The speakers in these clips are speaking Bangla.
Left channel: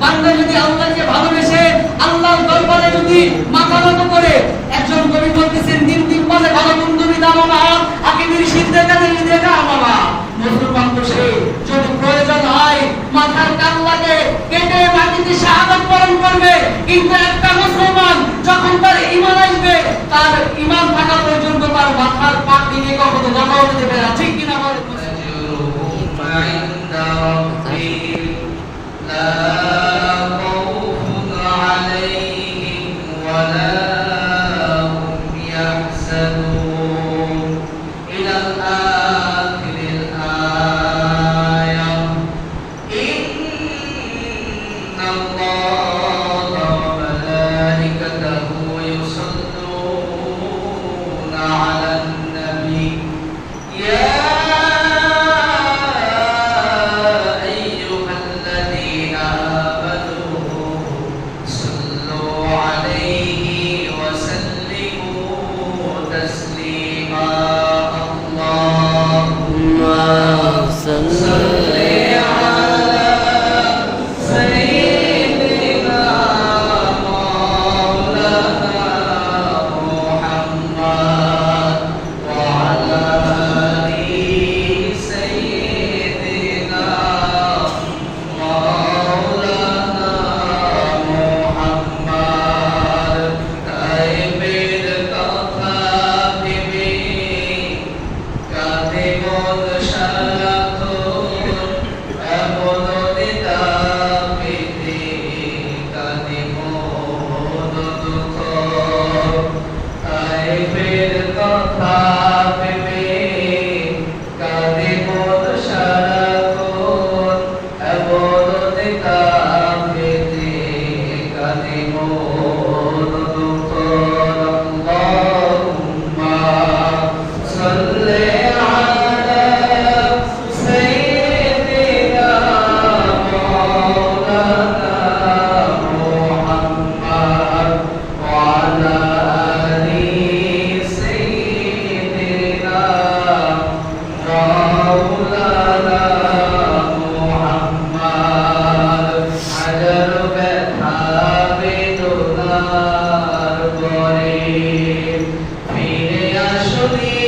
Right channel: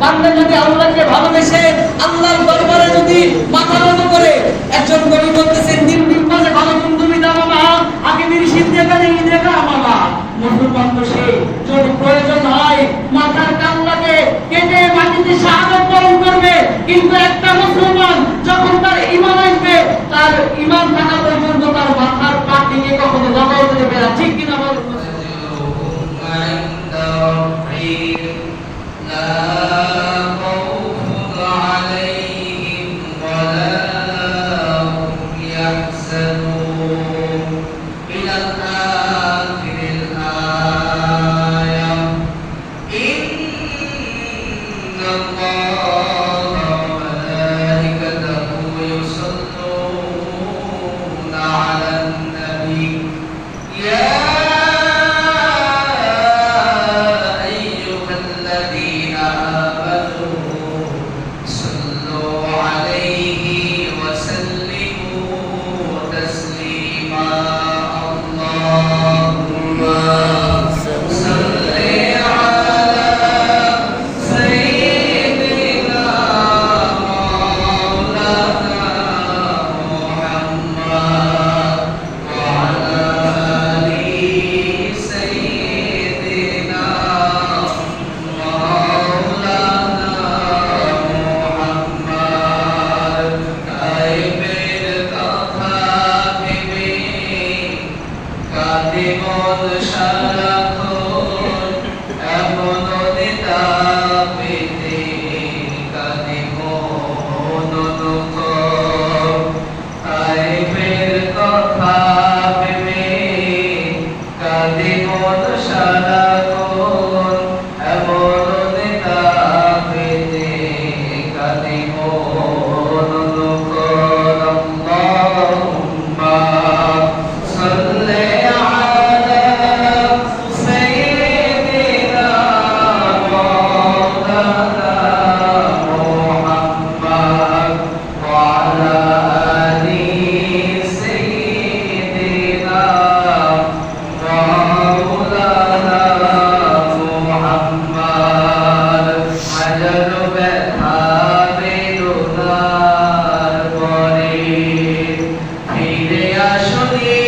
বান্দা যদি আল্লাহকে ভালোবেসে আল্লাহর দরবারে যদি মাথা নত করে, একজন কবি বলতেছেন, দিন দিন পরে ভালো বন্ধু বিদায় আগে দিন الله Hallelujah.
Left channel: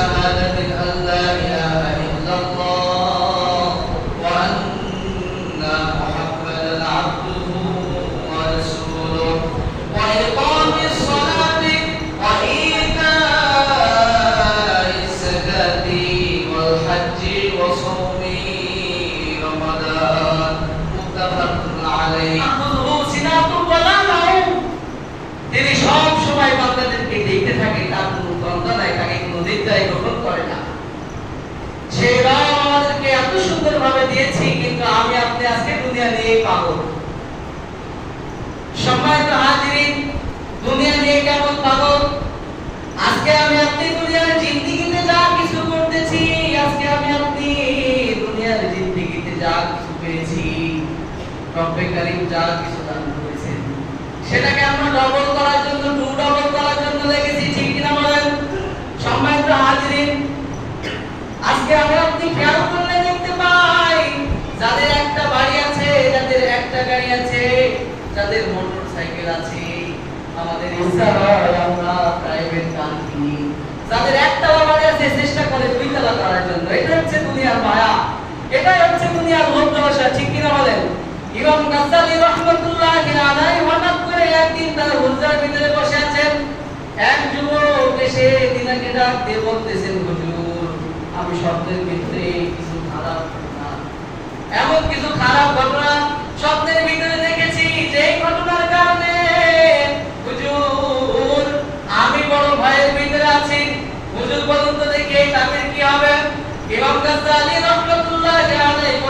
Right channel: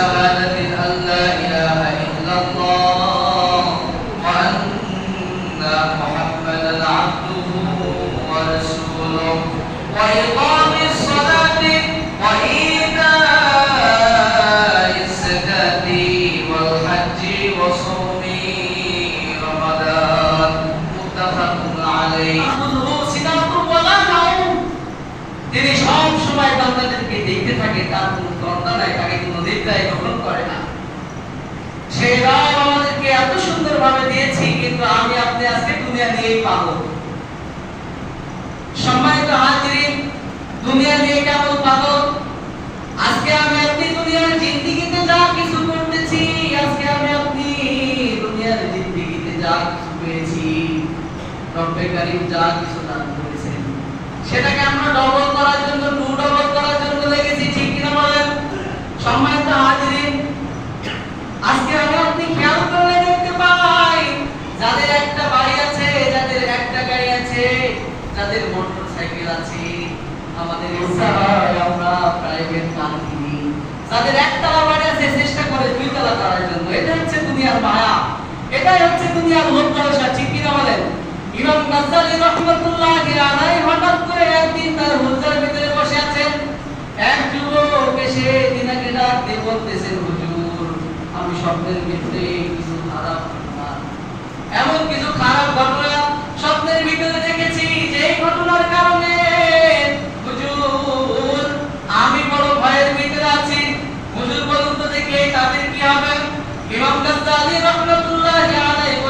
شهادة أن لا إله إلا الله وأن محمدا عبده ورسوله. وإقام الصلاة وإيتاء الزكاة والحج وصوم رمضان. متفق عليه. তিনি সব সময় বান্দাদেরকে দেখতে থাকে তার কোনো দ্বন্দ্ব নাই তাকে গ্রহণ করে না। রাম আমাদেরকে এত সুন্দর ভাবে দিয়েছি, কিন্তু আমি আপনি আজকে দুনিয়া নিয়েই পাবো সম্মানিত দুনিয়া নিয়ে কেমন পাগল? আজকে আমি আপনি দুনিয়ার জিন্দিগিতে যা কিছু করতেছি, আজকে আমি আপনি দুনিয়ার জিন্দিগিতে যা কিছু পেয়েছি, রব্বে যা কিছু দান করেছেন। সেটাকে আমরা ডবল করার জন্য টু ডবল যাদের মোটর সাইকেল আছে আমাদের আমরা প্রাইভেট কার কিনি। যাদের একতলা বাড়ি আছে চেষ্টা করে দুই তলা করার জন্য। এটা হচ্ছে দুনিয়ার মায়া। এটাই হচ্ছে দুনিয়ার লালসা ঠিক কিনা বলেন? ইমাম গাজ্জালি রহমাতুল্লাহ আলাইহি হঠাৎ করে একদিন তার হুজরার ভিতরে বসে আছেন। এক যুবক এসে তিনাকে ডাক দিয়ে বলতেছেন হুজুর আমি স্বপ্নের ভিতরে কিছু খারাপ এমন কিছু খারাপ ঘটনা স্বপ্নের ভিতরে